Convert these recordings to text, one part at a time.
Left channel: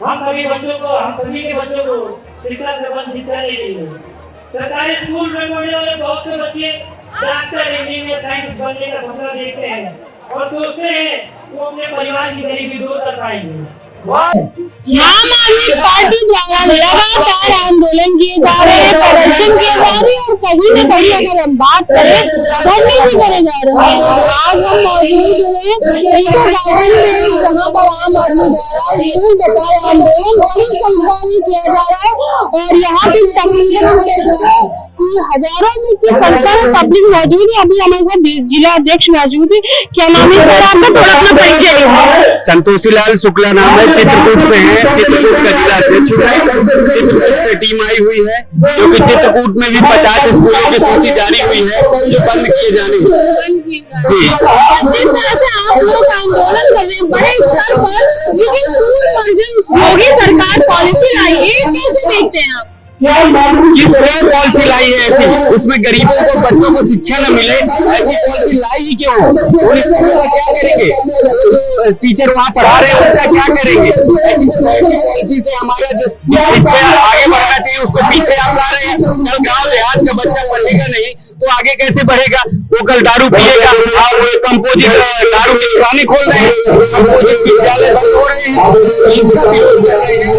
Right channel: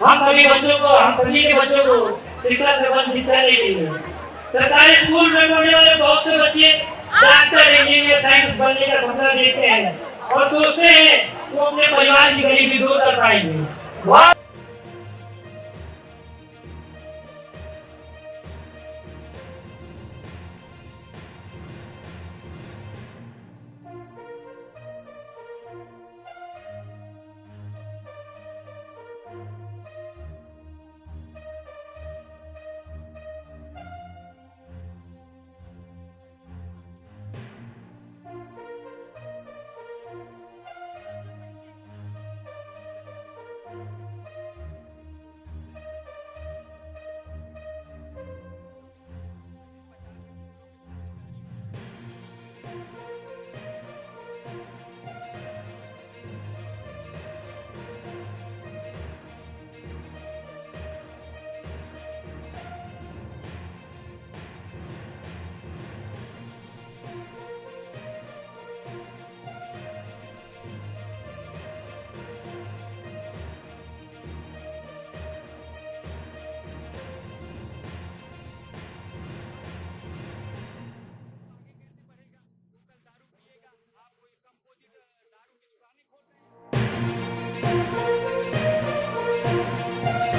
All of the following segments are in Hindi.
हम सभी के बच्चों को शिक्षा से वंचित करने के लिए सरकारी स्कूल में पढ़ने वाले बहुत से बच्चे डॉक्टर, इंजीनियर, साइंटिस्ट बनने का सपना देखते हैं और सोचते हैं वो अपने परिवार की गरीबी दूर कर पाएंगे। आम आदमी पार्टी द्वारा लगातार आंदोलन किए जा रहे हैं, प्रदर्शन किए जा रहे हैं और कहीं न कहीं अगर हम बात करें धरने भी करे जा रहे हैं। आज हम मौजूद हैं इको गार्डन में, जहाँ पर आम आदमी द्वारा स्कूल बचाओ आंदोलन बड़ी संख्या में किया जा रहा है और यहाँ की तकरीबन हजारों में की संख्या में पब्लिक मौजूद है। अभी हमारे साथ जिला अध्यक्ष मौजूद है। क्या नाम है सर आपका? थोड़ा अपना परिचय दीजिए। संतोषी लाल शुक्ला नाम है, चित्रकूट में है, चित्रकूट का जिला अध्यक्ष है। चित्रकूट से टीम आई हुई है जो कि चित्रकूट में भी 50 स्कूलों की सूची जारी हुई है जो बंद किए जाने जिस तरह से आप लोग आंदोलन कर रहे हैं बड़े स्तर पर, ये स्कूल पर जो योगी सरकार पॉलिसी लाई है कैसे देखते हैं आप? किस तरह पॉलिसी लाई है ऐसी, उसमें गरीबों को, बच्चों को शिक्षा न मिले, ऐसी पॉलिसी लाई ही क्यों? और स्कूलों का क्या करेंगे? टीचर वहाँ पढ़ा रहे हैं उसका क्या करेंगे? ऐसी पॉलिसी से हमारा जो आगे बढ़ना चाहिए उसको पीछे आप ला रहे हैं। कल गाँव देहात का बच्चा पढ़ेगा नहीं तो आगे कैसे बढ़ेगा? वो कल दारू पिएगा। आप वो कंपोजिट दारू की दुकानें खोल रहे हैं, कंपोजिट विद्यालय बंद हो रहे हैं, इसका विरोध कर रहे हैं।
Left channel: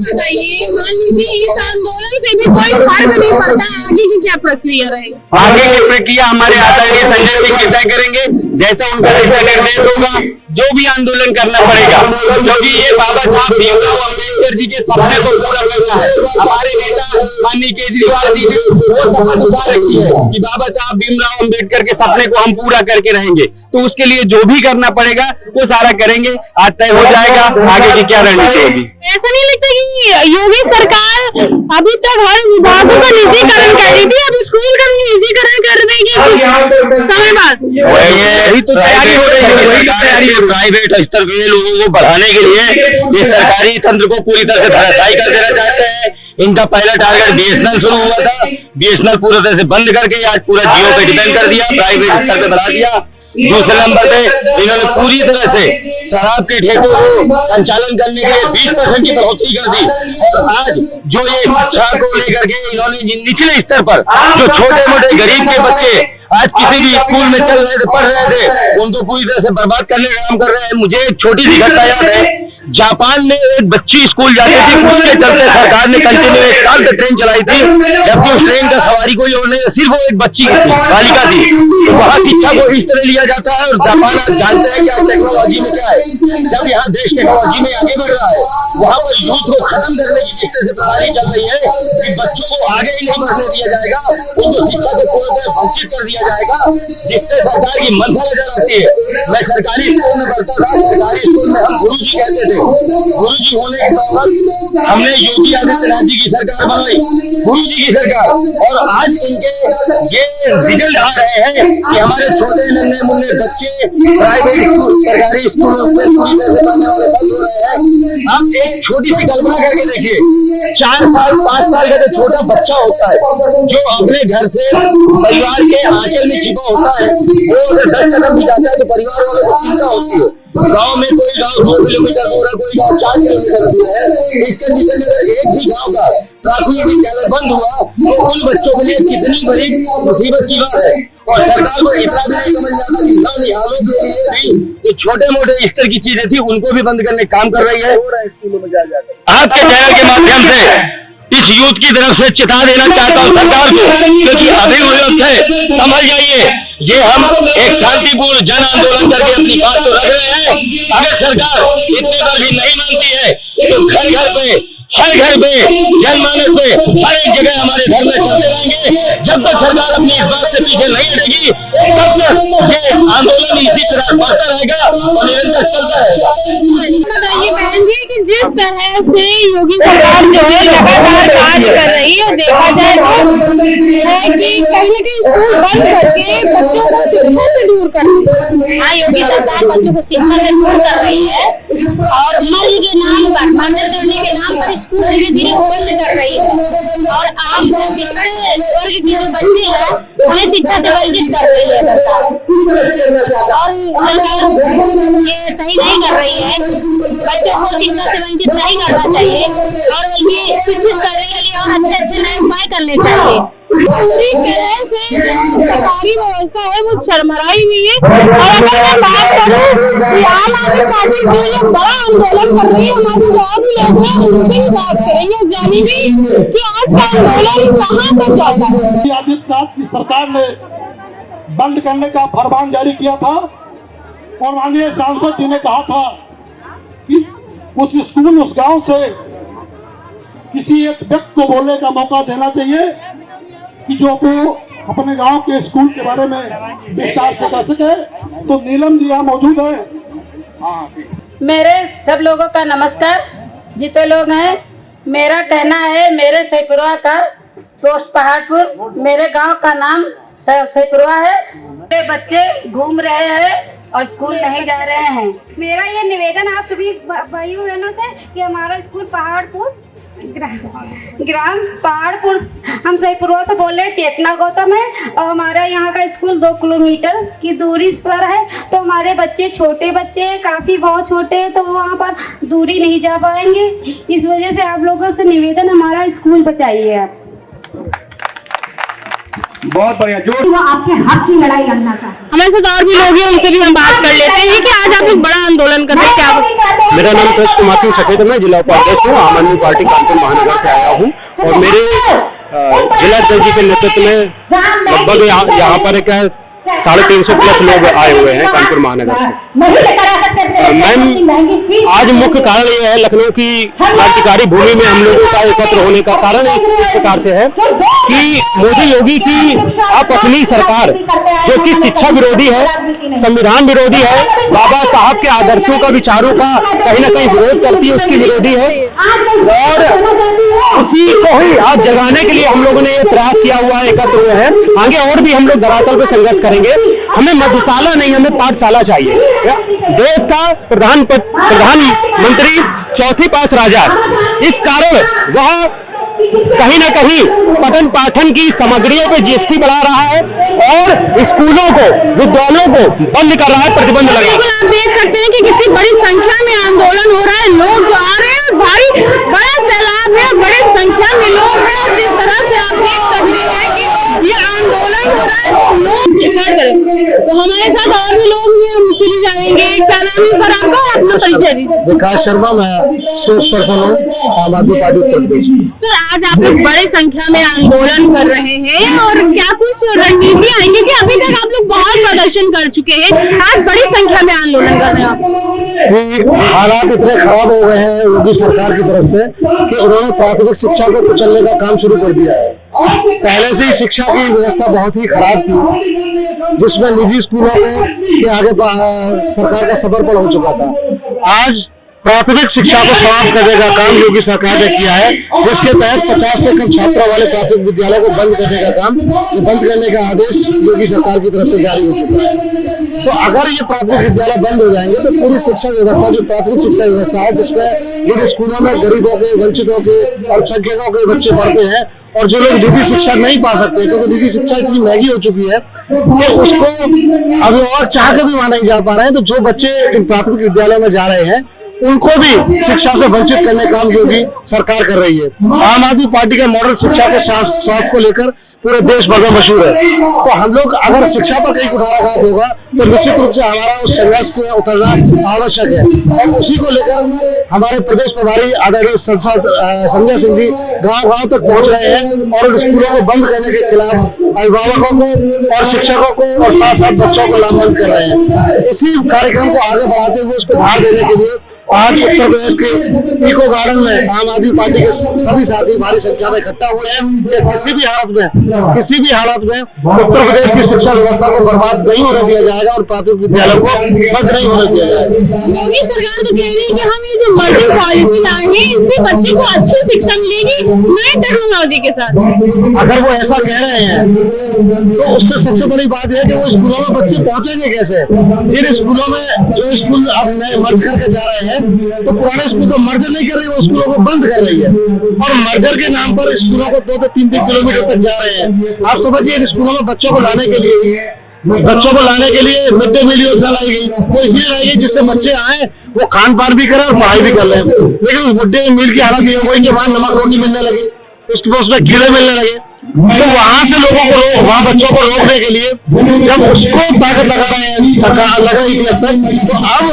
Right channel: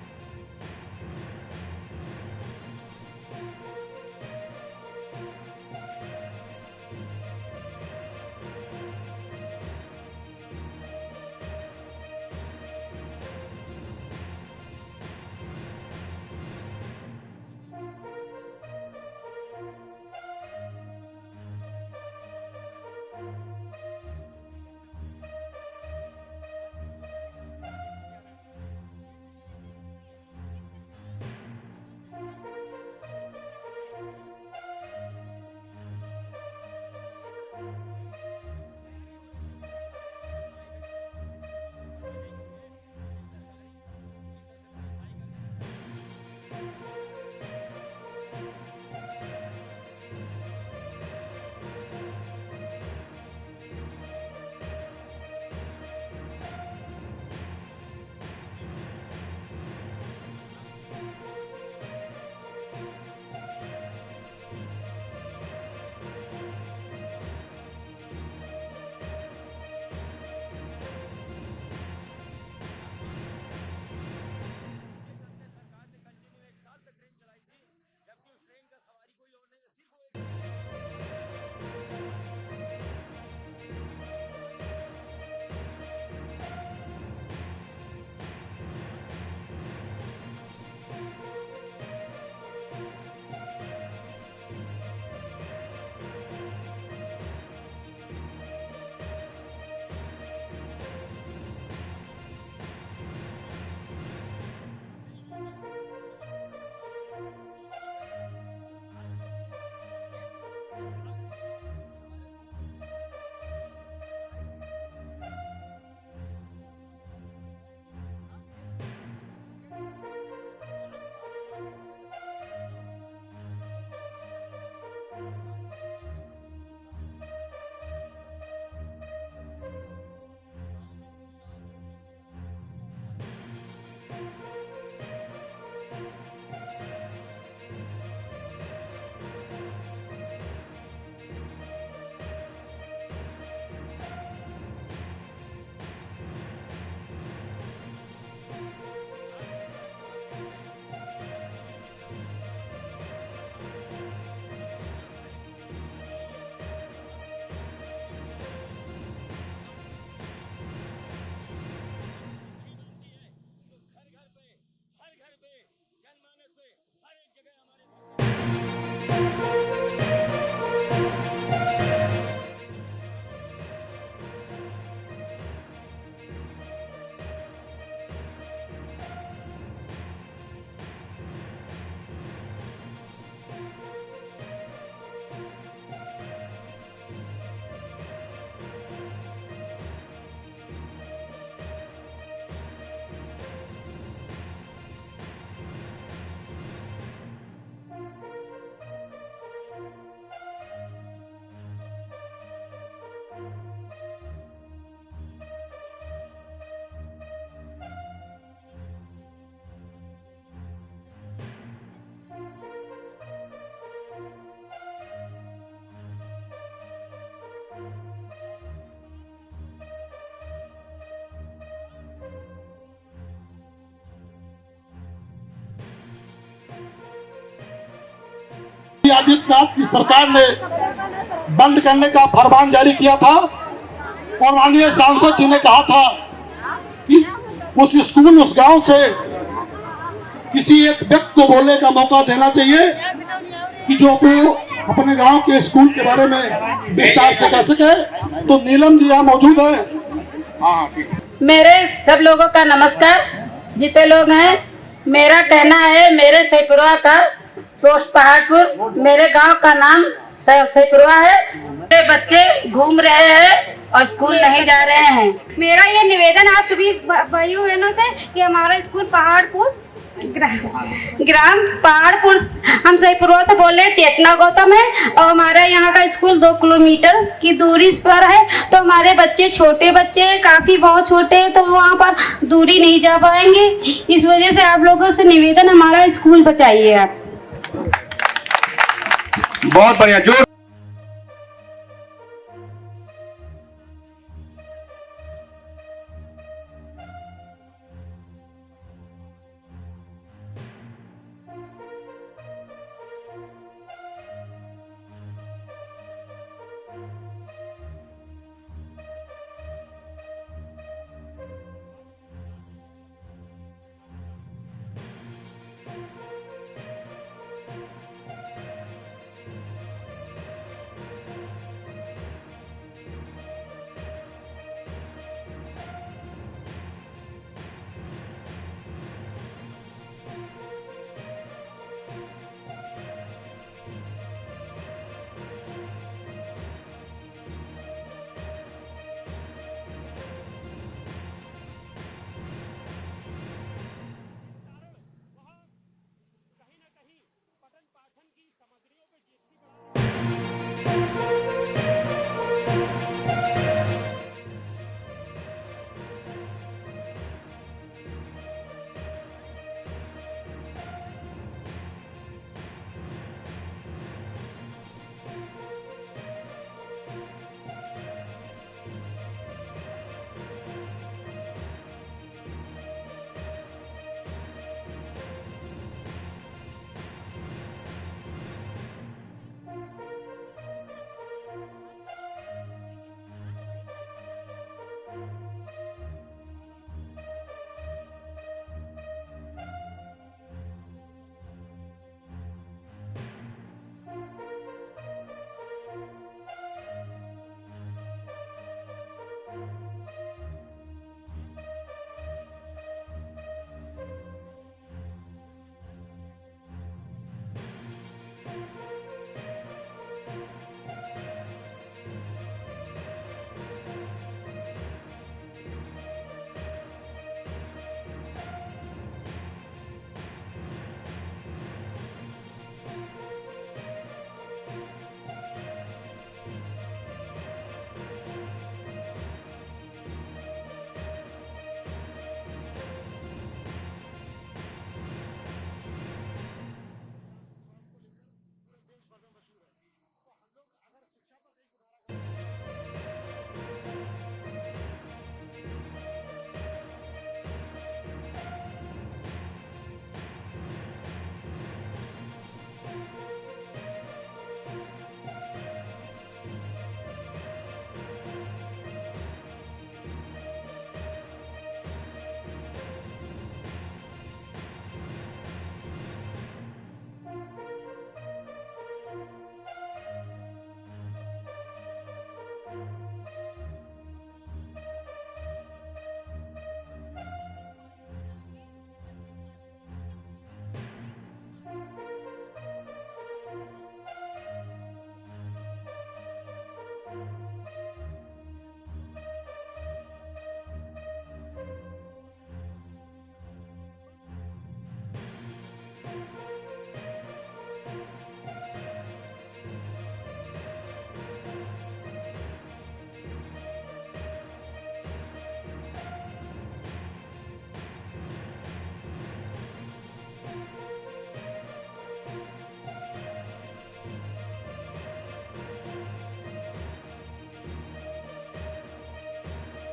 बताइए, मान लीजिए इस आंदोलन से भी कोई फर्क नहीं पड़ता, आगे की क्या प्रक्रिया रहेगी? आगे की प्रक्रिया हमारे आदरणीय संजय सिंह तय करेंगे। जैसा उनका दिशा निर्देश होगा जो भी आंदोलन करना पड़ेगा, क्योंकि ये बाबा साहब भीमराव अम्बेडकर जी के सपने को पूरा करना है। हमारे नेता माननीय केजरीवाल जी ने वो शपथ उठा रखी है कि बाबा साहब भीमराव अम्बेडकर के सपने को हम पूरा करके रहेंगे, तो उसके लिए जो भी करना पड़ेगा वो सारा करेंगे। आज तय हो जाएगा आगे की क्या रणनीति होगी। ऐसा नहीं लगता कि योगी सरकार अभी तक हर विभागों का निजीकरण कर रही थी, अब स्कूल का भी निजीकरण कर देगी कुछ समय बाद? वही तो तैयारी हो रही है, वही तैयारी है। प्राइवेट स्तर के लोगों को बढ़ाने के लिए ये सरकारी तंत्र को पूरी तरह से धराशायी कर देना चाहते हैं। इनका पहला टारगेट बीएसएनएल शुरू हुआ था, बीएसएनएल पूरी तरह से बंद करके आज पूरा जियो पे डिपेंड कर दिया, प्राइवेट स्तर पे बढ़ा दिया। दूसरे नंबर पे इन्होंने पूरी तरह से शराब के ठेकों को संचालन करने के लिए 20% की बढ़ोतरी कर दी। और आज जो ये शिक्षा को लेकर के इन्होंने निचले स्तर पर जो छोटे मोटे गरीब के बच्चे आज किसी भी स्कूल में चल रहे थे, पढ़ रहे थे, उनको पूरी तरह से बर्बाद करने का काम कर रहे हैं। मुझे एक छोटी सी घटना याद है, जापान में एक बच्ची स्कूल जाती थी, उसके चलते सरकार ने कंटिन्यू 1 साल तक ट्रेन चलाई थी, जबकि उस ट्रेन का सवारी कोई और नहीं, सिर्फ वो एक बच्ची बालिका थी। तो वहाँ शिक्षा को इस तरह लिया जाता है। और जापान आप जानते हैं कि टेक्नोलॉजी में क्या है, जब यहाँ देश टेक्नोलॉजी में आगे बढ़ रहा है, वहाँ पर यूथ को खत्म करने की जिस तरह से प्रणाली चल रही है कि बच्चों को आगे ही नहीं बढ़ने दिया जाएगा, उनको शिक्षा को पूरी तरह वंचित कर दिया जाएगा, जिससे सरकार की मंशा नजर आती है। मैं सरकारी स्कूल में पढ़ता था, सरकारी स्कूल में हम गुरुजी कहते थे। गुरुजी होने के बाद हमने योगी आदित्यनाथ जी की सरकार बनाई, गुरुजी की सरकार, और आज इनके ये रिजल्ट आ रहे हैं कि हमारे छोटे नन्हे मुन्ने बच्चे प्राइवेट स्कूल, सरकारी स्कूलों में पूरी तरह से पढ़ने वाले बंद हो रहे हैं। आप एक छोटी सी कल्पना करके देखिए, 4 साल 5 साल का जो छोटा बच्चा होता है, जो अपने घर से परिवार के आंचल में छिपा होता है, वो अगर 10 कदम भी जाता है तो परिवार वालों को चिंता होती है। गांव में कोई गांव 2 किलोमीटर दूर है, कोई गांव 4 किलोमीटर दूर है। इस कंडीशन में अगर एक भी गांव का प्राथमिक विद्यालय बंद हुआ तो उन बच्चों के लिए कितनी बड़ी मुसीबत की बात है। और सरकार को इतना भी नहीं समझ आता कि निहालों के लिए भी जो छोटे मोटे स्तर की चीजें थी उनको भी बंद करने का काम कर रही है। आपके चैनल के माध्यम से इस यूथ की तरफ से चेता देना चाहता हूँ सरकार को, क्योंकि अभी वक्त है, समझ जाइए, ये हम एक शांतिपूर्ण जन आंदोलन करके अपनी बात तो रख रहे हैं। अगर सरकार इतने पर भी नहीं मानती है तो घर घर पे, हर घर पे, जनमानस पे, हर एक जगह हमारे घर में चलते रहेंगे। जब तक सरकार अपनी इस बात से पीछे नहीं हटेगी तब तक ये आंदोलन इसी तरह बढ़ता रहेगा और निरंतर चलता रहेगा। बताइए बहन जी कि जिस तरह से योगी सरकार जो है लगातार कार्य कर रही है, देखा जाए तो है कि कहीं न कहीं स्कूल बंद करके बच्चों को शिक्षा से दूर कर रही है। हाँ, योगी सरकार बच्चों को शिक्षा से दूर कर रही है और मर्जी के नाम पर, मंदिर करने के नाम पर स्कूल धीरे धीरे बंद कर रही है। और आप पिछड़े वर्ग के जो बच्चे हैं हमें शिक्षा से वंचित कर रही है सरकार, और सरकार ये सही नहीं कर रही है। बच्चों को शिक्षा से वंचित नहीं करना चाहिए और ये शिक्षित करने के लिए और अच्छे नए उपाय करने चाहिए। इस तरह से सरकारी व्यवस्था है वो चरमराई हुई है। और अगर मैं बात करूँ कि आम आदमी पार्टी जो ये बड़ा आंदोलन कर रही है, हमारे और भी लोग हैं उनसे भी बात करेंगे, जानेंगे कि आज का आंदोलन कहाँ तक जाता है। योगी आदित्यनाथ की सरकार ने बंद करने का फरमान जारी किया था और माननीय सांसद जी ने कहा था कि उस स्कूल उस गांव से किसी एक व्यक्ति को बोलने का मौका देना चाहिए कि जो वो अपने गांव के स्कूल के बारे में विस्तार से कह सके। तो नीलम जी यहाँ मौजूद है। मेरे सब लोगों का नमस्कार। जितने लोग हैं, मेरा कहना है मेरे सैपुरवा का पोस्ट पहाड़पुर, मेरे गांव का नाम सैपुरवा है। मेरे बच्चे घूम रहे हैं और स्कूल नहीं जा रहे हैं। मेरा ये निवेदन आप सभी भाइयों बहनों से कि हमारा स्कूल पहाड़पुर ग्राम पहाड़पुर, हम सहीपुरवा से बोल रहे हैं, चेतना गौतम है और हमारा यहाँ का स्कूल 2 किलोमीटर की दूरी पर है। तो हमारे बच्चे छोटे बच्चे हैं, काफ़ी बहुत छोटे हैं, तो वहाँ पर दूरी नहीं जा पाएंगे। इस वजह से आप लोगों से निवेदन, हमारा स्कूल बचाइए आप। बहुत बढ़िया। जो आपके हक की लड़ाई लड़ना था। हमारे साथ और भी लोग हैं, उनसे भी हम बात कर लेते हैं कि आज आप लोग बड़ा आंदोलन कर रहे हैं, क्या? मेरा नाम कृष्ण कुमार सिंह सचेत, मैं जिला उपाध्यक्ष हूँ, आम आदमी पार्टी कानपुर महानगर से आया हूँ। और मेरे जिला अध्यक्ष जी के नेतृत्व में लगभग यहाँ पर क्या 350 प्लस लोग आए हुए हैं कानपुर महानगर से। मैम, आज मुख्य कारण यह है लखनऊ की क्रांतिकारी भूमि में हम लोगों का एकत्र होने का कारण इस प्रकार से है कि मोदी योगी की अपनी सरकार जो कि शिक्षा विरोधी है, संविधान विरोधी है, बाबा साहब के आदर्शों का, विचारों का कहीं ना कहीं विरोध करती है, उसकी विरोधी है। और उसी को ही आज जगाने के लिए हम लोगों ने ये प्रयास किया हुआ है, एकत्र हुए हैं। आगे और भी हम लोग धरातल पे संघर्ष करेंगे। हमें मधुशाला नहीं, हमें पाठशाला चाहिए। देश का प्रधानमंत्री चौथी पास राजा, इस कारण वह कहीं ना कहीं पठन पाठन की सामग्रियों पे जीएसटी बढ़ा रहा है और स्कूलों को, विद्यालयों को बंद कर रहा है, प्रतिबंध लगा। आप देख सकते हैं कि कितनी बड़ी संख्या में आंदोलन हो रहा है, लोग आ रहे हैं, भारी बड़ा सैलाब है, बड़ी संख्या में लोग हैं। और जिस तरह से आप देख सकते हैं कि ये आंदोलन हो रहा है, तो हमारे साथ और भी लोग हैं, हम उससे भी जानेंगे। क्या नाम है सर आपका, अपना परिचय दीजिए। विकास शर्मा, मैं स्पोर्ट्स पर्सन हूँ, आम आदमी पार्टी उत्तर प्रदेश। सर, आज आप लोग बड़ी संख्या में आंदोलन कर रहे हैं और क्या कुछ रणनीति आएंगे कि अभी तक आप लोग बहुत प्रदर्शन कर चुके हैं, आज बड़ी संख्या में आंदोलन कर रहे हैं आप? हालात इतने खराब हो गए हैं योगी सरकार की तरफ से कि उन्होंने प्राथमिक शिक्षा को कुचलने का काम शुरू कर दिया है। पहले से ही शिक्षा की व्यवस्था बहुत ही खराब थी, जिसमें निजी स्कूलों के आगे सरकार का समर्पण हो चुका था। आज प्राथमिक शिक्षा को समाप्त करने का काम योगी सरकार ने किया है, जिसके तहत 50 से कम छात्रों वाले प्राथमिक विद्यालयों को बंद करने का काम, बंद करने का आदेश योगी सरकार की तरफ से जारी हो चुका है। तो अगर ये प्राथमिक विद्यालय बंद हो जाएंगे तो पूरी शिक्षा व्यवस्था, जो प्राथमिक शिक्षा व्यवस्था है, जिसमें जिन स्कूलों में गरीबों के, वंचितों के, अल्पसंख्यकों के बच्चे पढ़ते हैं और जो लोग निजी शिक्षा नहीं पा सकते क्योंकि निजी शिक्षा इतनी महंगी हो चुकी है कि उसको अभिभावक चाह के भी वहां नहीं जा पा रहे हैं, तो जो बच्चे इन प्राथमिक विद्यालयों में जा रहे हैं उनको भी शिक्षा से वंचित करने का काम योगी सरकार कर रही है। आम आदमी पार्टी का मॉडल शिक्षा के स्वास्थ्य को लेकर पूरे देश भर में मशहूर है। तो हम लोग अगर शिक्षा पर कहीं कुठाराघात होगा तो निश्चित रूप से हमारा उस संघर्ष को उतरना आवश्यक है। और उसी को लेकर हमारे प्रदेश प्रभारी आदरणीय सांसद संजय सिंह जी गांव-गांव तक पहुंच रहे हैं और उन स्कूलों को बंद करने के खिलाफ अभिभावकों को और शिक्षकों को और साथ साथ बच्चों को लामबंद कर रहे हैं। इसी कार्यक्रम को आगे बढ़ाते हुए उसको धार देने के लिए आज उत्तर प्रदेश के इको गार्डन में आम आदमी पार्टी के सभी साथी भारी संख्या में इकट्ठा हुए हैं कि किसी भी हालत में उत्तर प्रदेश की शिक्षा व्यवस्था को बर्बाद नहीं होने दिया जाएगा और प्राथमिक विद्यालयों को बंद नहीं होने दिया जाएगा। योगी सरकार तो कह रही है कि हम ये जो मर्जिंग पॉलिसी लाएंगे इससे बच्चे को अच्छी शिक्षा मिलेगी नई टेक्नोलॉजी के साथ। अगर वो ऐसा कह रहे हैं तो उससे सबसे बड़ी बात यह है कि वो स्कूलों में बच्चे पहुंचेंगे कैसे? जिन स्कूलों में जो स्कूल अब नए मर्ज करके जा रहे हैं तो पुराने स्कूल को मर्जर नहीं कर रही, वो स्कूलों को बंद कर रही है और मर्जर के नाम पर स्कूलों को 2 से 3 किलोमीटर तक जा रहे हैं। आप समझिए स्कूलों में बच्चों को लाने के लिए मिड डे मील योजना लाई गई, वो इसलिए लाई गई जिससे बच्चे आए, वो खान पान भी करें और पढ़ाई भी कर लें। लेकिन उस मिड डे मील की हालत ये हो गई कि वहाँ नमक रोटी मिलने लगी, उसमें कीड़े मिलने लगे। तो वहां से लोगों को वहां बच्चों को रोकने के लिए जब उसको ताकत लगा रहे हैं सरकार लगाई थी अब तक, तो अब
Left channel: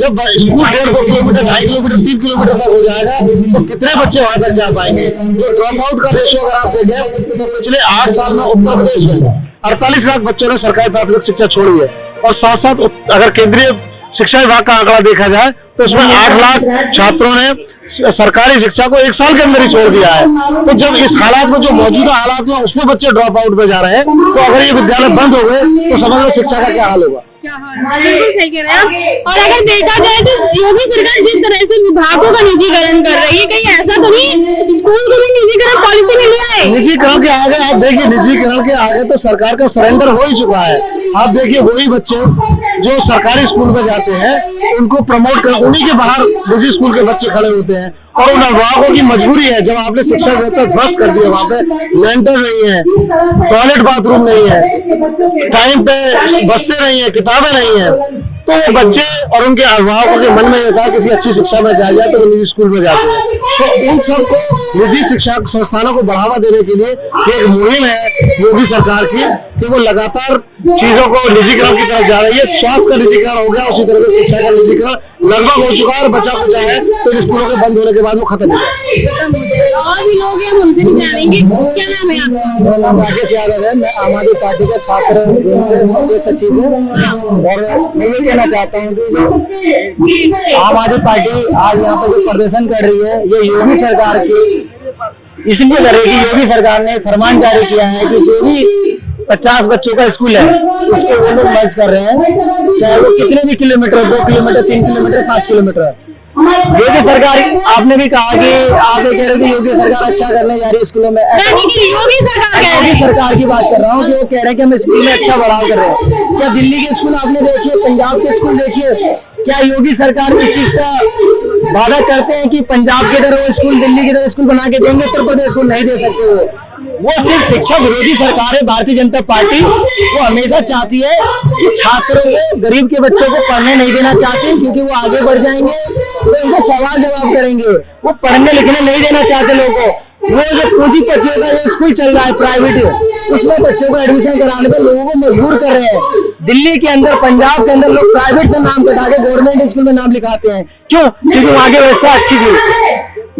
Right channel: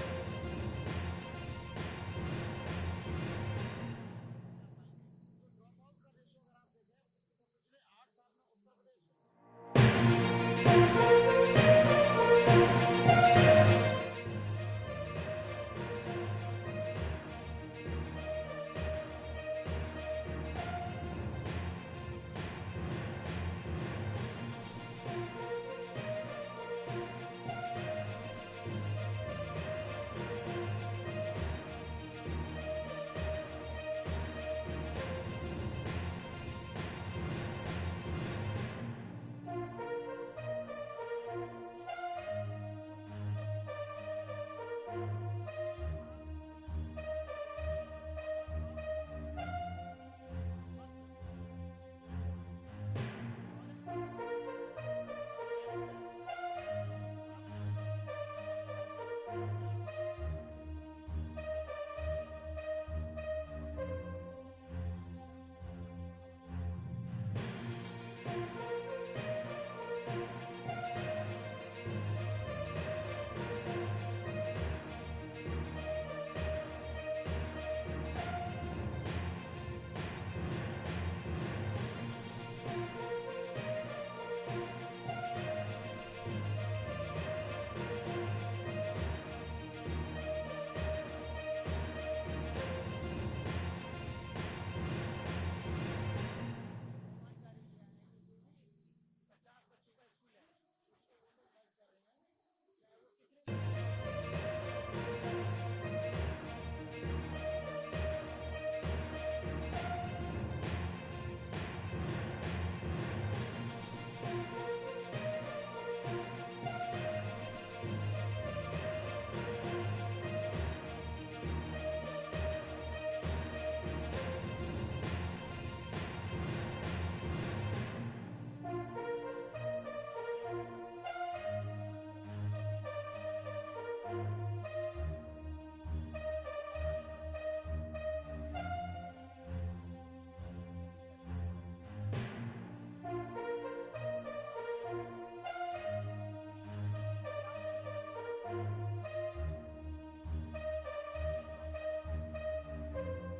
जब स्कूल 1.5 किलोमीटर 2.5 किलोमीटर 3 किलोमीटर तक हो जाएगा तो कितने बच्चे वहां तक जा पाएंगे। जो ड्रॉप आउट का रेशियो अगर आप देखें तो पिछले 8 साल में उत्तर प्रदेश में 48 लाख बच्चों ने सरकारी प्राथमिक शिक्षा छोड़ी है और साथ साथ अगर केंद्रीय शिक्षा विभाग का आंकड़ा देखा जाए तो उसमें 8 लाख छात्रों ने सरकारी शिक्षा को 1 साल के अंदर ही छोड़ दिया है। तो जब इस हालात में, जो मौजूदा हालात में, उसमें बच्चे ड्रॉप आउट पे जा रहे हैं, तो अगर ये विद्यालय बंद हो गए तो समझ लो शिक्षा का क्या हाल होगा। बिल्कुल सही कह रहे हैं। और अगर देखा जाए तो योगी सरकार जिस तरह से विभागों का निजीकरण कर रही है, कहीं ऐसा तो नहीं स्कूल को भी निजीकरण पॉलिसी में ले आए? निजीकरण के आगे आप देखिए, निजीकरण के आगे तो सरकार का सरेंडर हो ही चुका है। आप देखिए वही बच्चे जो सरकारी स्कूल में जाते हैं उनको प्रमोट कर, उन्हीं के बाहर निजी स्कूल के बच्चे खड़े होते हैं और उन अभिभावकों की मजबूरी है। जब आपने शिक्षा व्यवस्था ध्वस्त कर दी है, वहाँ पे लेंटर नहीं है, टॉयलेट बाथरूम नहीं है, टाइम पे बस्ते नहीं है, किताबें नहीं है, तो वो बच्चे और उनके अभिभावकों के मन में ये था किसी अच्छी शिक्षा में जाए जाए तो वो निजी स्कूल में जाते हैं। तो उन सबको निजी शिक्षा संस्थानों को बढ़ावा देने के लिए एक मुहिम है योगी सरकार की कि वो लगातार चीजों को निजीकरण की तरफ जा रही है। स्वास्थ्य का निजीकरण हो गया, उसी तरह से शिक्षा का निजीकरण लगभग हो चुका है और बचा कुचा है तो स्कूलों के बंद होने के बाद वो खत्म हो जाएगा। और भी लोग हैं, हम उनसे भी जानेंगे। क्या नाम है आपका? मेरा नाम राकेश यादव है, मैं आम आदमी पार्टी का छात्र सचिव हूँ और मैं ये कहना चाहता हूँ कि आम आदमी पार्टी आज यहाँ पर जो प्रदर्शन कर रही है ये योगी सरकार की इसलिए कर रही है कि योगी सरकार ने फरमान जारी किया है कि जो भी 50 बच्चों का स्कूल है उसको वो लोग मर्ज कर रहे हैं, चाहे वो कितने भी किलोमीटर, 2 किलोमीटर, 3 किलोमीटर, 5 किलोमीटर। योगी सरकार, आपने भी कहा कि आप ये कह रहे थे योगी सरकार अच्छा करने जा रही है स्कूलों में। योगी सरकार की बात कर रहा हूँ कि वो कह रहे हैं कि हम स्कूल में अच्छा बढ़ाव कर रहे हैं। क्या दिल्ली के स्कूल आपने देखिए, पंजाब के स्कूल देखिए, क्या योगी सरकार इस चीज का वादा करते हैं कि पंजाब की तरह वो स्कूल, दिल्ली की तरह स्कूल बना के देंगे? उत्तर प्रदेश को नहीं दे सकते। वो सिर्फ शिक्षा विरोधी सरकार है भारतीय जनता पार्टी। वो हमेशा चाहती है कि छात्रों को, गरीब के बच्चों को पढ़ने नहीं देना चाहती क्योंकि वो आगे बढ़ जाएंगे तो उनसे सवाल जवाब करेंगे। वो पढ़ने लिखने नहीं देना चाहते लोगों को। वो जो पूंजीपतियों का जो स्कूल चल रहा है प्राइवेट, उसमें बच्चों को एडमिशन कराने पर लोगों को मजबूर कर रहे हैं। दिल्ली के अंदर, पंजाब के अंदर लोग प्राइवेट से नाम कटा के गवर्नमेंट स्कूल में नाम लिखाते हैं। क्यों? क्योंकि वहाँ की व्यवस्था अच्छी थी।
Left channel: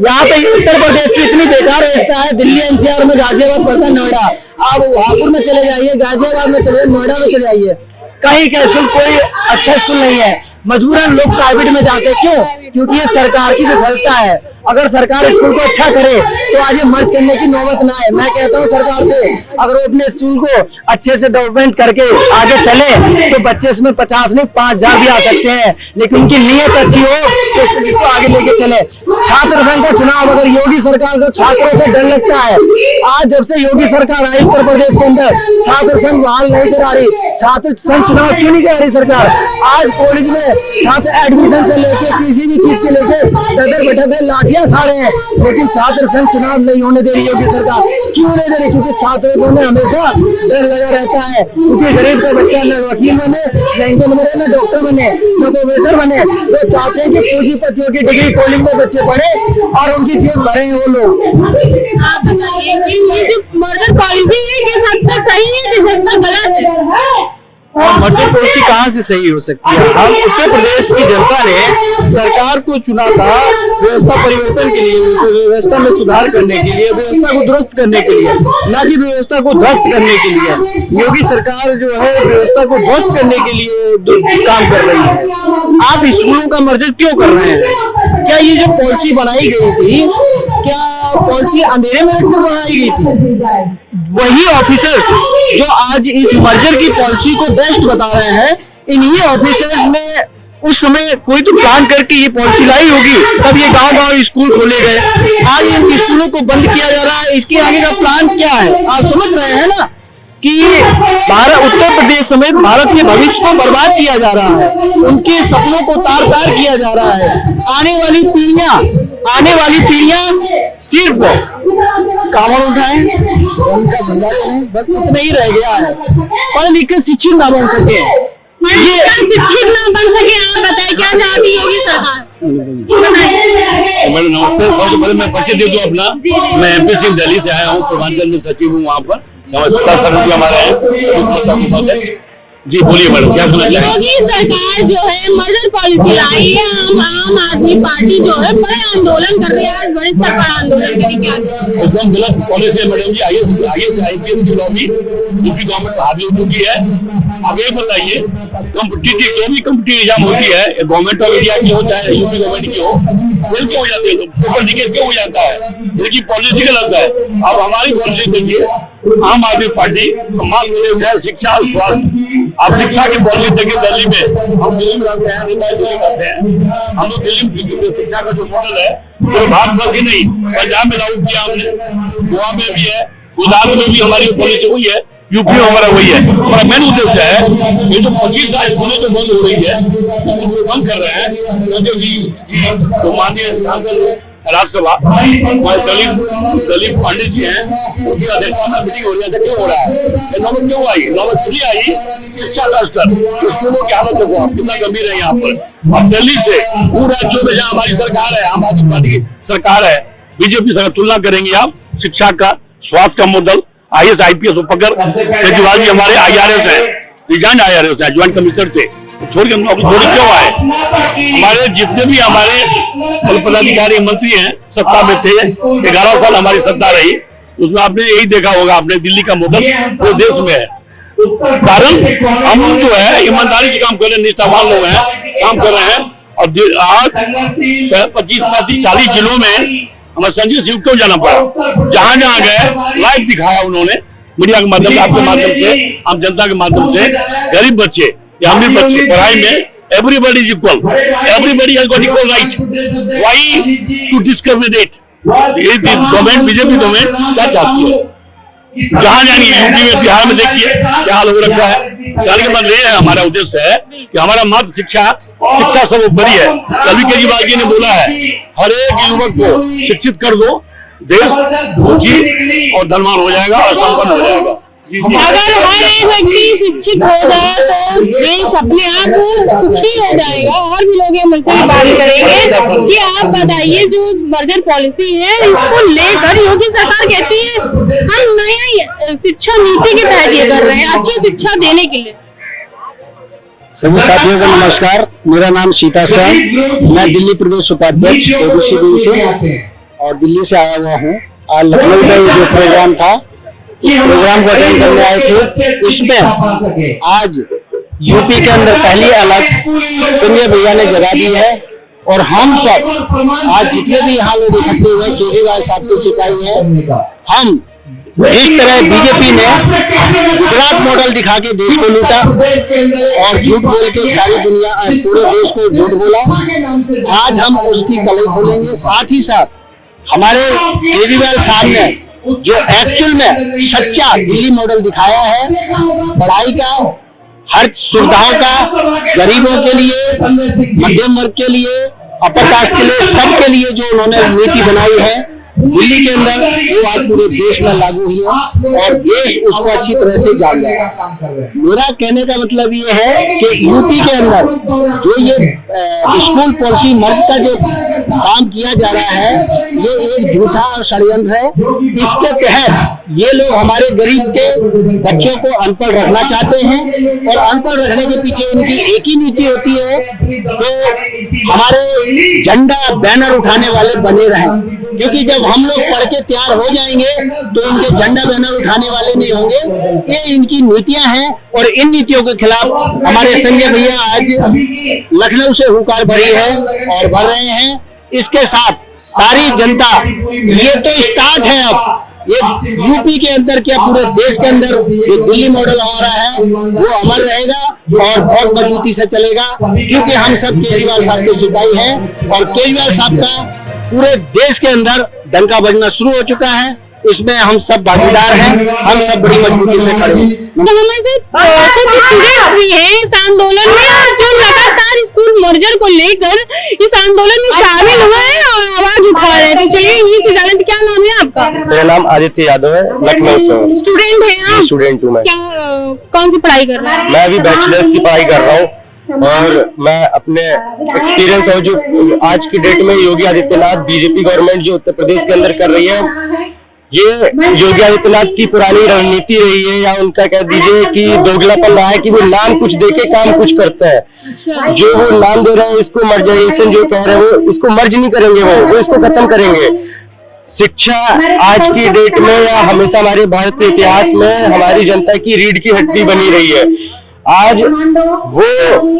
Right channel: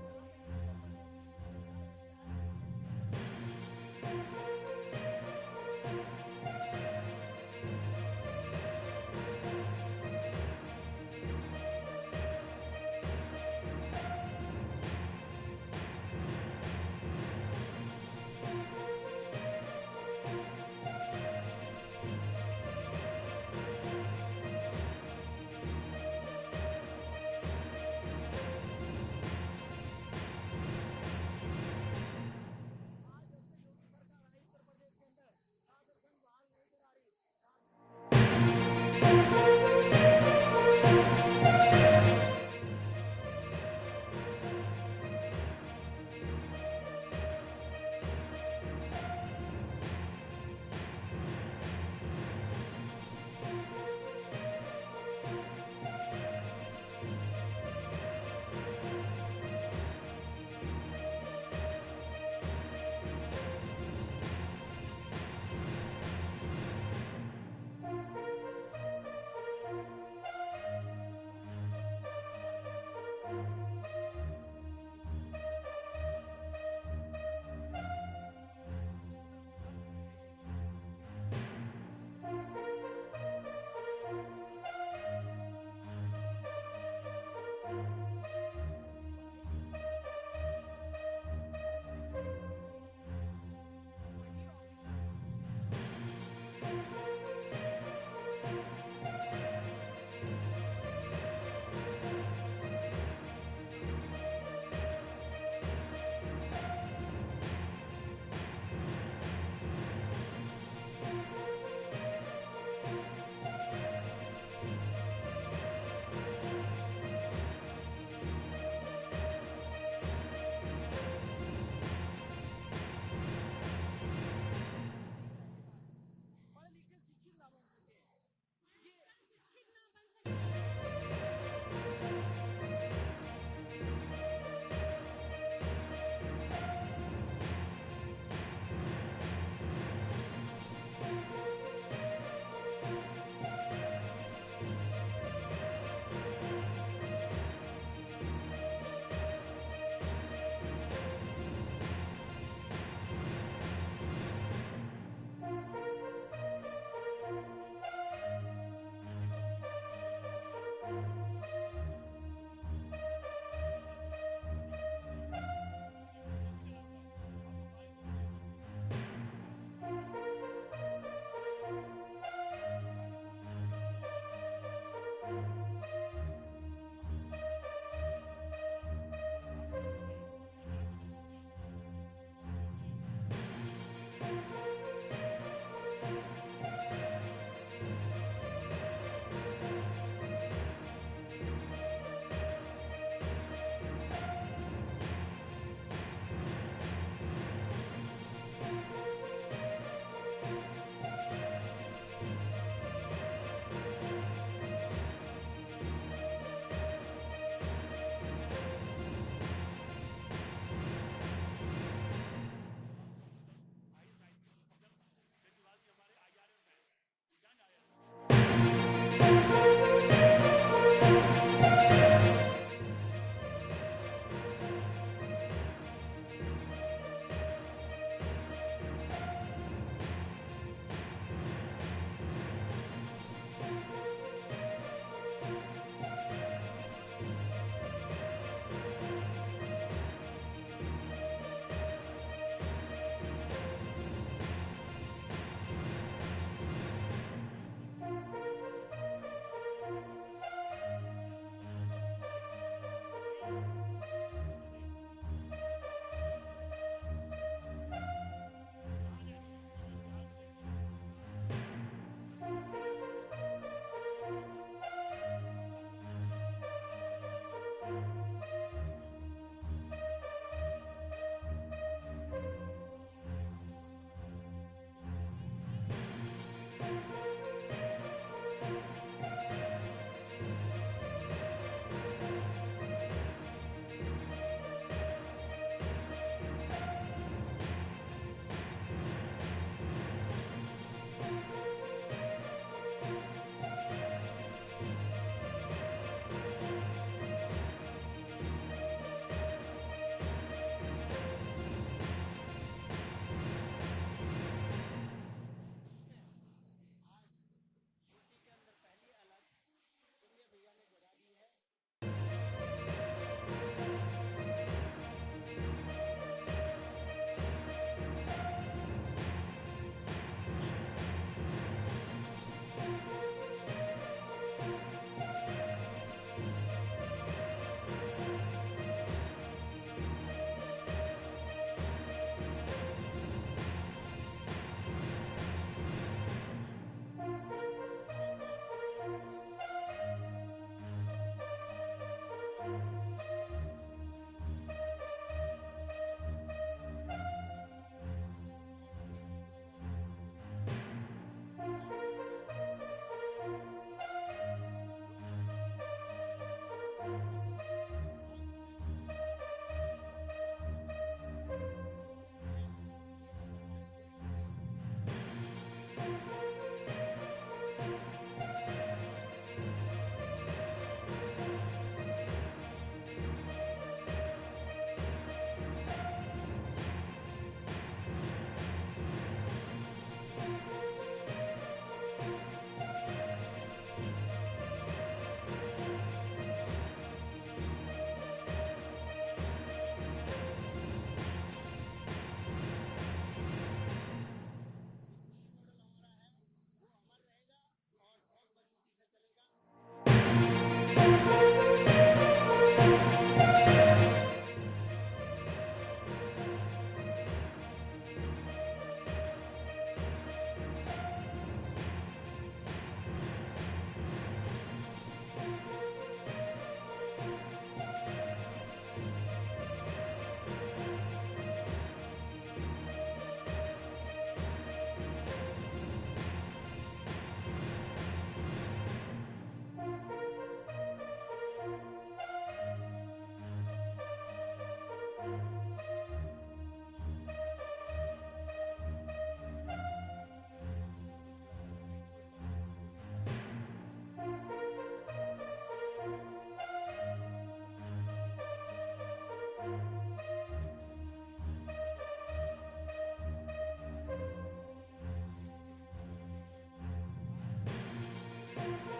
यहाँ पे उत्तर प्रदेश की इतनी बेकार व्यवस्था है। दिल्ली एनसीआर में गाजियाबाद पड़ता है, नोएडा, आप हापुड़ में चले जाइए, गाजियाबाद में चले जाइए, नोएडा में चले जाइए, कहीं का स्कूल कोई अच्छा स्कूल नहीं है। मजबूरन लोग प्राइवेट में जाते हैं। क्यों? क्योंकि ये सरकार की विफलता है। अगर सरकार स्कूल को अच्छा करे तो आज ये मर्ज करने की नौबत ना आए। मैं कहता हूँ सरकार से, अगर वो अपने स्कूल को अच्छे से डेवलपमेंट करके आगे चले तो बच्चे इसमें 50 नहीं 5,000 भी आ सकते हैं, लेकिन उनकी नीयत अच्छी हो तो इसको आगे लेके चले। छात्र संघ का चुनाव, अगर योगी सरकार को छात्रों से डर लगता है, आज जब से योगी सरकार आई उत्तर प्रदेश के अंदर छात्र संघ बहाल नहीं करा रही। छात्र संघ चुनाव क्यों नहीं करा रही सरकार? आज कॉलेज में छात्र एडमिशन से लेके किसी भी चीज के लेके दर बैठक लाठियां खा रहे हैं, लेकिन छात्र संघ चुनाव नहीं होने दे रही योगी सरकार। क्यों नहीं दे रही? क्योंकि छात्रों में हमेशा डर लगा रहता है। क्योंकि गरीब का बच्चा न वकील बने, न इंजीनियर बने, न डॉक्टर बने, न प्रोफेसर बने। वो चाहते हैं कि पूंजीपतियों की डिग्री कॉलेज में बच्चे पढ़े और उनकी जेब भरे हैं वो लोग। आप बताइए कि ये जो मर्जर पॉलिसी है किस हद तक सही है, किस हद तक गलत है? मर्जर पॉलिसी कहाँ से सही हो सकती है? हम उत्तर प्रदेश की जनता ने सरकार को चुना था व्यवस्था परिवर्तन के लिए, व्यवस्था में सुधार करने के लिए, व्यवस्था को दुरुस्त करने के लिए, ना कि व्यवस्था को ध्वस्त करने के लिए। योगी सरकार जो है व्यवस्था को ध्वस्त करने के लिए काम कर रही है। आप स्कूलों का मर्जर क्यों कर रहे हैं? क्या ये जो पॉलिसी बनाई गई थी, क्या पॉलिसी अंधेरे में रखकर बनाई गई थी? वही ऑफिसर्स जो आज इस मर्जर की पॉलिसी को बेस्ट बता रहे हैं, इन्हीं ऑफिसर्स ने उस समय कोई तो प्लान करके ये पॉलिसी लाई होगी, तब ये गांव-गांव स्कूल खोले गए। आज इन स्कूलों को बंद किया जा रहा है, इसके आगे का प्लान क्या है? आप समझ रहे हैं ना? कि भारत, उत्तर प्रदेश समेत भारत के भविष्य को बर्बाद किया जा रहा है, उनके सपनों को तार तार किया जा रहा है। आने वाली पीढ़ियां सिर्फ कांवड़ उठाएं, उनका धंधा करें, बस इतना ही रह गया है। पढ़ लिख के शिक्षित ना बन सके, ये शिक्षित ना बन सके। आप बताएं क्या चाहती होगी सरकार? मैडम नमस्ते। सबसे पहले मैं परिचय दे दूं अपना। मैं MP सिंह दिल्ली से आया हूँ, पूर्वांचल में सचिव हूँ वहाँ पर। नमस्कार हमारे हैं जी, बोलिए मैडम क्या सुना चाहिए? योगी सरकार जो है मर्डर पॉलिसी लाई है, आम आदमी पार्टी जो है बड़े आंदोलन कर रही है, आज बड़े स्तर पर आंदोलन करेंगे। एकदम गलत पॉलिसी है मैडम जी। IAS की लॉबी यूपी गवर्नमेंट हावी हो चुकी है। अब ये बताइए, कॉम्पिटिटिव जो भी कॉम्पिटिटिव एग्जाम होती है, गवर्नमेंट ऑफ इंडिया की हो चाहे यूपी गवर्नमेंट की हो, फेल क्यों हो जाते हैं? पेपर लीकेज क्यों हो जाता है? इनकी पॉलिसी गलत है। अब हमारी पॉलिसी देखिए, आम आदमी पार्टी शिक्षा और स्वास्थ्य। आप शिक्षा की पॉलिसी देखिए, दिल्ली में हम दिल्ली में रहते हैं, दिल्ली करते हैं हम लोग। दिल्ली में शिक्षा का जो मॉडल है पूरे भारतवर्ष ही नहीं, पंजाब में लागू किया हमने, गोवा में भी है, गुजरात में भी हमारी पॉलिसी हुई है, यूपी में हमारा वही है। हमारा मेन उद्देश्य है ये जो 25 स्कूलें जो बंद हो रही है, उनको बंद कर रहे हैं। तो माननीय सांसद राज्यसभा दलीप पंडित जी हैं, उनकी अध्यक्षता में मीटिंग हो रही है। क्यों हो रहा है? नौबत क्यों आई? नौबत इसलिए आई शिक्षा का स्तर, स्कूलों की हालत देखो आप कितना गंभीर है यहाँ पर। अब दिल्ली से पूरे राज्यों में जहाँ हमारी सरकार है, आम आदमी पार्टी की सरकार है, बीजेपी सरकार, तुलना करेंगे आप शिक्षा का, स्वास्थ्य का मॉडल, IAS IPS उपकर केजरीवाल जी हमारे IRS है, रिजाइन IRS है, ज्वाइंट कमिश्नर थे, छोड़ के नौकरी छोड़ी क्यों आए? हमारे जितने भी हमारे पदाधिकारी मंत्री हैं सत्ता में थे, 11 साल हमारी सत्ता रही, उसमें आपने यही देखा होगा, आपने दिल्ली का मॉडल पूरे देश में है। कारण हम जो है ईमानदारी से काम कर रहे हैं, निष्ठावान लोग हैं, काम कर रहे हैं। और आज 25-40 जिलों में हमें संजय सिंह क्यों जाना पड़ा? जहां जहां गए लाइव दिखाया उन्होंने, मीडिया के माध्यम से, आपके माध्यम से, आम जनता के माध्यम से। गरीब बच्चे या अमीर बच्चे पढ़ाई में everybody is equal, everybody has got equal right. Why to discriminate? ये गवर्नमेंट, बीजेपी गवर्नमेंट क्या चाहती है? जहां जाएंगे, यूपी में, बिहार में देखिए क्या हाल हो रखा है। जाने के बाद ये हमारा उद्देश्य है कि हमारा मात्र शिक्षा सब ऊपरी है। कभी केजरीवाल जी ने बोला है, हर एक युवक को शिक्षित कर दो, देश सुखी और धनवान हो जाएगा और संपन्न हो जाएगा। अगर हर एक व्यक्ति शिक्षित हो जाए तो देश अपने आप सुखी हो जाएगा। और भी लोग ये मुझसे भी बात करेंगे कि आप बताइए, जो मर्जर पॉलिसी है इसको लेकर योगी सरकार कहती है हम नया शिक्षा नीति के तहत ये कर रहे हैं, अच्छी शिक्षा देने के लिए। सभी साथियों को नमस्कार। मेरा नाम सीता शाह, मैं दिल्ली प्रदेश उपाध्यक्ष OBC विंग से और दिल्ली से आया हुआ हूँ। आज लखनऊ में जो प्रोग्राम था, इस प्रोग्राम को अटेंड करने आए थे। इसमें आज यूपी के अंदर पहली अलग संजय भैया ने जगा दी है और हम सब आज जितने भी यहाँ लोग इकट्ठे हुए केजरीवाल साहब की सिपाही हैं, हम इस तरह बीजेपी ने गुजरात मॉडल दिखा के देश को लूटा और झूठ बोल के सारी दुनिया, पूरे देश को झूठ बोला। आज हम उसकी कलई खोलेंगे। साथ ही साथ हमारे केजरीवाल साहब ने जो एक्चुअल में सच्चा दिल्ली मॉडल दिखाया है, पढ़ाई का, हर सुविधाओं का, गरीबों के लिए, मध्यम वर्ग के लिए, अपर कास्ट के लिए, सबके लिए जो उन्होंने नीति बनाई है दिल्ली के अंदर, वो आज पूरे देश में लागू हुई है और देश उसको अच्छी तरह से जान रहा है। मेरा कहने का मतलब ये है कि यूपी के अंदर जो ये स्कूल पॉलिसी मर्ज का जो काम किया जा रहा है, ये एक झूठा और षड्यंत्र है। इसके तहत ये लोग हमारे गरीब के बच्चों को अनपढ़ रखना चाहते हैं और अनपढ़ रखने के पीछे इनकी एक ही नीति होती है, तो हमारे झंडा बैनर उठाने वाले बने रहें। क्योंकि जब हम लोग पढ़ के तैयार हो जाएंगे तो इनके झंडा बैनर उठाने वाले नहीं होंगे। ये इनकी नीतियां हैं और इन नीतियों के खिलाफ हमारे संजय भैया आज लखनऊ से हुंकार भरी है और भर रहे हैं। इसके साथ सारी जनता, ये तो स्टार्ट है, अब ये यूपी के अंदर क्या पूरे देश के अंदर जो दिल्ली मॉडल हो रहा है वो अमर रहेगा और बहुत मजबूती से चलेगा। क्योंकि हम सब केजरीवाल साहब के सिपाही हैं और केजरीवाल साहब का पूरे देश के अंदर डंका बजना शुरू हो चुका है इसमें हम सब भागीदार हैं, हम सब बड़ी मजबूती से खड़े हैं। तो हमें से कुछ स्टूडेंट्स भी हैं इस आंदोलन में, और जो लगातार स्कूल मर्जर को लेकर इस आंदोलन में शामिल हुए हैं और आवाज उठा रहे हैं। तो चलिए ये से जाने, क्या नाम है आपका? मेरा नाम आदित्य यादव है, लखनऊ से हूँ। स्टूडेंट हैं आप? स्टूडेंट हूँ मैं। क्या कौन सी पढ़ाई कर रहे हैं? मैं अभी बैचलर्स की पढ़ाई कर रहा हूँ, और मैं अपने एक्सपीरियंस और जो आज की डेट में योगी आदित्यनाथ बीजेपी गवर्नमेंट जो उत्तर प्रदेश के अंदर कर रही है, ये योगी आदित्यनाथ की पुरानी रणनीति रही है, या उनका कह दीजिए कि दोगलापन रहा है कि वो नाम कुछ देके काम कुछ करता है। जो वो नाम दे रहे हैं, इसको मर्जराइजेशन जो कह रहे हैं, वो इसको मर्ज नहीं करेंगे, वो इसको खत्म करेंगे। शिक्षा आज की डेट में या हमेशा हमारे भारत के इतिहास में हमारी जनता की रीढ़ की हड्डी बनी रही है। आज वो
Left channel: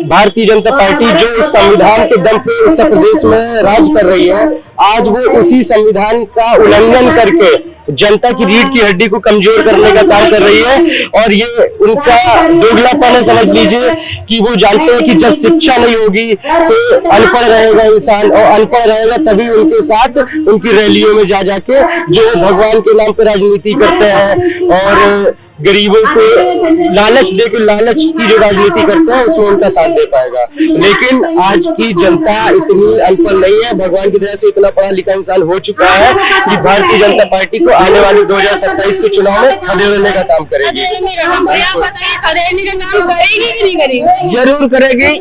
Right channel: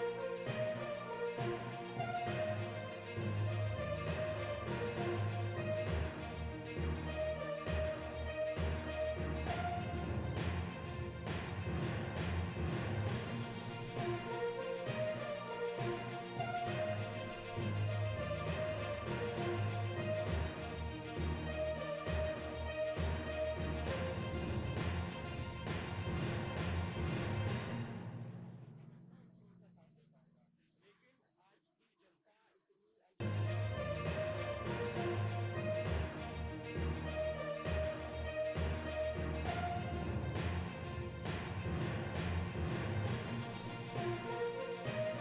भारतीय जनता पार्टी जो इस संविधान के दम पे उत्तर प्रदेश में राज कर रही है, आज वो उसी संविधान का उल्लंघन करके जनता की रीढ़ की हड्डी को कमजोर करने का काम कर रही है। और ये उनका दोगलापन है, समझ लीजिए कि वो जानते हैं कि जब शिक्षा नहीं होगी तो अनपढ़ रहेगा इंसान, और अनपढ़ रहेगा तभी उनके साथ उनकी रैलियों में जा जाके जो भगवान के नाम पे राजनीति करते हैं और गरीबों को लालच दे के लालच की जो राजनीति करते हैं उसमें उनका साथ दे पाएगा। लेकिन आज की जनता इतनी अनपढ़ नहीं है, भगवान की दया से इतना पढ़ा लिखा इंसान हो चुका है कि भारतीय जनता पार्टी को आने वाले 2027 के चुनाव में खदेड़ने का काम करेगी। खदेड़ने का काम करेगी कि नहीं करेगी? जरूर करेगी।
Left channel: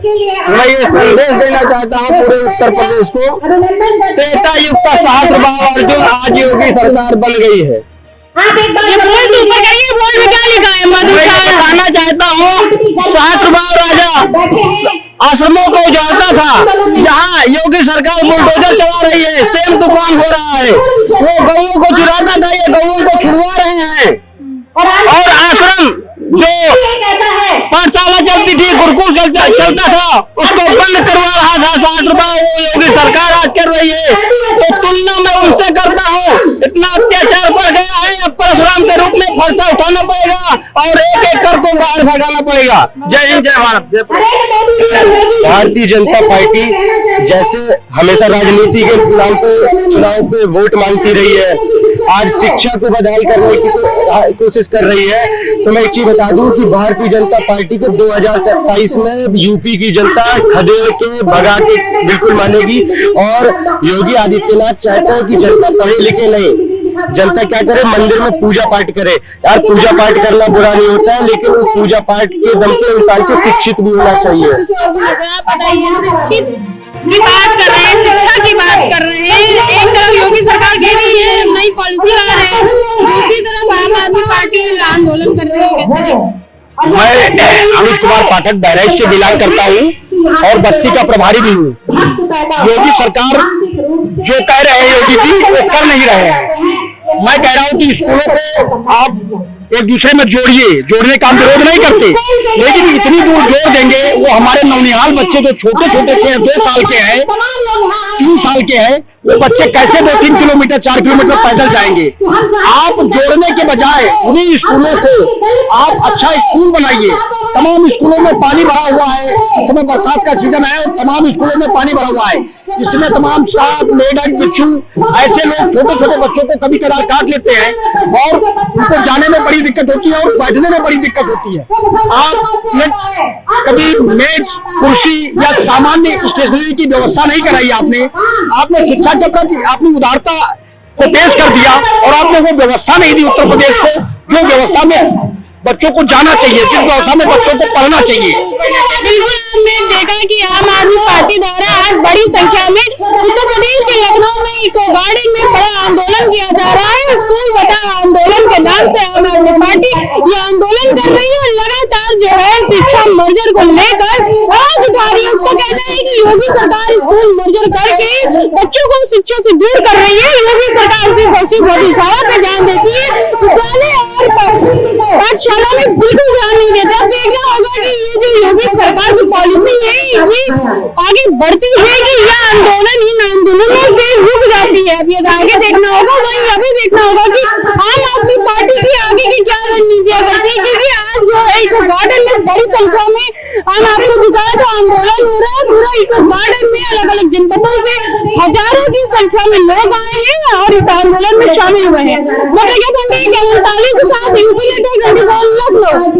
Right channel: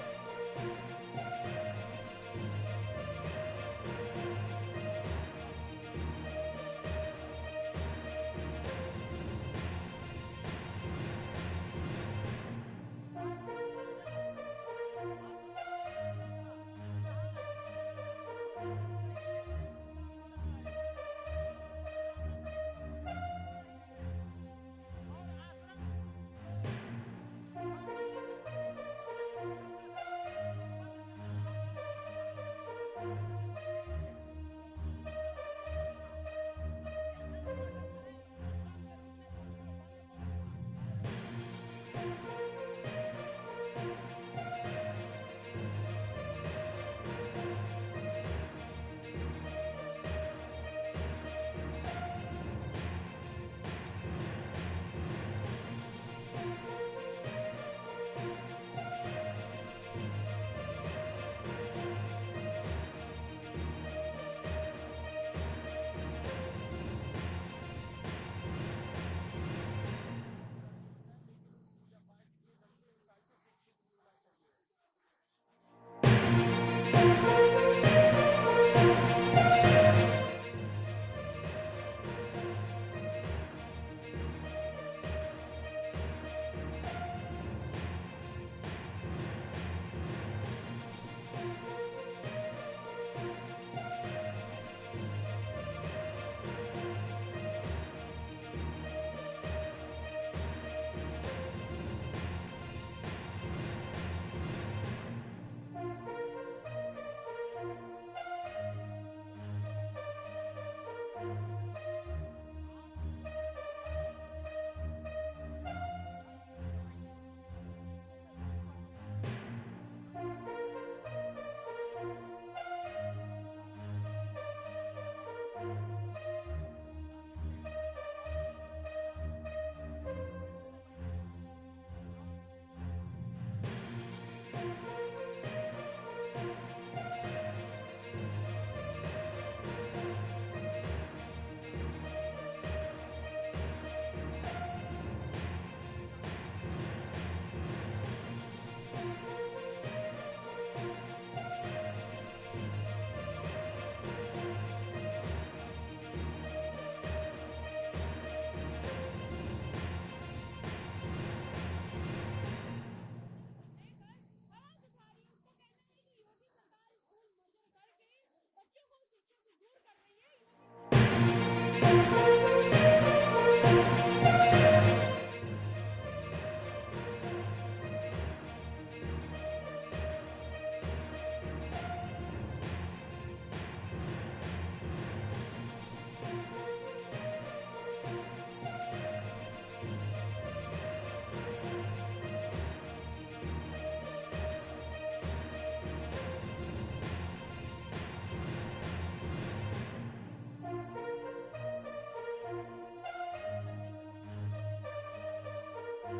मैं ये संदेश देना चाहता हूँ पूरे उत्तर प्रदेश को, त्रेता युग का सहस्त्रबाहु अर्जुन, आज योगी सरकार बन गई है। ये बोर्ड ऊपर करिए, बोर्ड में क्या लिखा है? बताना चाहता हूँ, सहस्त्रबाहु राजा आश्रमों को उजाड़ता था, जहाँ योगी सरकार बुलडोजर चला रही है, सेम दुकान हो रहा है। वो गौओं को चुराता था, ये गौओं को छुड़वा रहे हैं। और आश्रम जो पाठशाला चलती थी, गुरुकुल चलता था, उसको बंद करवा रहा था सहस्त्रबाहु, वो योगी सरकार आज कर रही है। तो तुलना मैं उनसे करता हूँ, इतना अत्याचार बढ़ गया है, अब परशुराम के रूप में फरसा उठाना पड़ेगा और एक एक कर को बाहर भगाना पड़ेगा। जय हिंद, जय भारत। भारतीय जनता पार्टी जैसे हमेशा राजनीति के नाम पे चुनाव पे वोट मांगती रही है, आज शिक्षा को बदहाल करने की कोशिश कर रही है। तो मैं एक चीज बता दूं कि भारतीय जनता पार्टी को 2027 में यूपी की जनता खदेड़ के भगा के बिल्कुल मानेगी। और योगी आदित्यनाथ चाहते हैं कि जनता पढ़े लिखे नहीं, जनता क्या करे, मंदिर में पूजा पाठ करे। यार पूजा पाठ करना बुरा नहीं होता है, लेकिन उस पूजा पाठ के दम पे इंसान को शिक्षित भी होना चाहिए। की बात कर रहे हैं, शिक्षा की बात कर रहे हैं। एक तरफ योगी सरकार कह रही है नई पॉलिसी ला रहे हैं, दूसरी तरफ आम आदमी पार्टी आंदोलन कर रही है। मैं अमित कुमार पाठक बहराइच से बिलोंग करता हूँ और बस्ती का प्रभारी भी हूँ। योगी सरकार जो कह रहे हैं योगी जी, वो कर नहीं रहे हैं। मैं कह रहा हूँ कि स्कूलों को आप एक दूसरे में जोड़िए, जोड़ने का हम विरोध नहीं करते, लेकिन इतनी दूर जोड़ देंगे, वो हमारे नौनिहाल बच्चे जो छोटे छोटे थे, 2 साल के हैं, 3 साल के हैं, वो बच्चे कैसे 2-3 किलोमीटर 4 किलोमीटर पैदल जाएंगे। आप जोड़ने के बजाय उन्हीं स्कूलों को आप अच्छा स्कूल बनाइए। तमाम स्कूलों में पानी भरा हुआ है, इस समय बरसात का सीजन है और तमाम स्कूलों में पानी भरा हुआ है। इसमें तमाम सांप, मेढक, बिच्छू, ऐसे लोग छोटे छोटे बच्चों को कभी कभार काट लेते हैं और उनको जाने में बड़ी दिक्कत होती है और बैठने में बड़ी दिक्कत होती है। आप कभी मेज, कुर्सी या सामान्य स्टेशनरी की व्यवस्था नहीं कराई आपने शिक्षा के प्रति आपने उदारता को पेश कर दिया और आपने वो व्यवस्था नहीं दी उत्तर प्रदेश को, जो व्यवस्था में बच्चों को जाना चाहिए, जिस व्यवस्था में बच्चों को पढ़ना चाहिए। बिल्कुल, आपने देखा कि आम आदमी पार्टी द्वारा आज बड़ी संख्या में उत्तर प्रदेश के लखनऊ में इको गार्डन में बड़ा आंदोलन किया जा रहा है। स्कूल बचाओ आंदोलन के नाम से आम आदमी पार्टी ये आंदोलन कर रही है और लगातार जो है शिक्षा मर्जर को लेकर आवाज उठा रही है। उसको कहना है कि योगी सरकार स्कूल मर्जर करके बच्चों को शिक्षा से दूर कर रही है। योगी सरकार सिर्फ गौशाला पे ध्यान देती है, विद्यालय और पाठशाला में बिल्कुल ध्यान नहीं देता। देखना होगा कि ये जो योगी सरकार की पॉलिसी है ये आगे बढ़ती है कि यह आंदोलन इन आंदोलनों से रुक जाती है। अब ये आगे देखना होगा, वहीं यह भी देखना होगा कि आम आदमी पार्टी की आगे की क्या रणनीतियां करती है, क्योंकि आज जो है इको गार्डन में बड़ी संख्या में हम आपको दिखाया तो आंदोलन हो रहा है। पूरा इको गार्डन में अलग अलग जनपदों से हजारों की की संख्या में लोग आए हैं और इस आंदोलन में शामिल हुए हैं। 49 यूपी लेटर 24 लाख लोग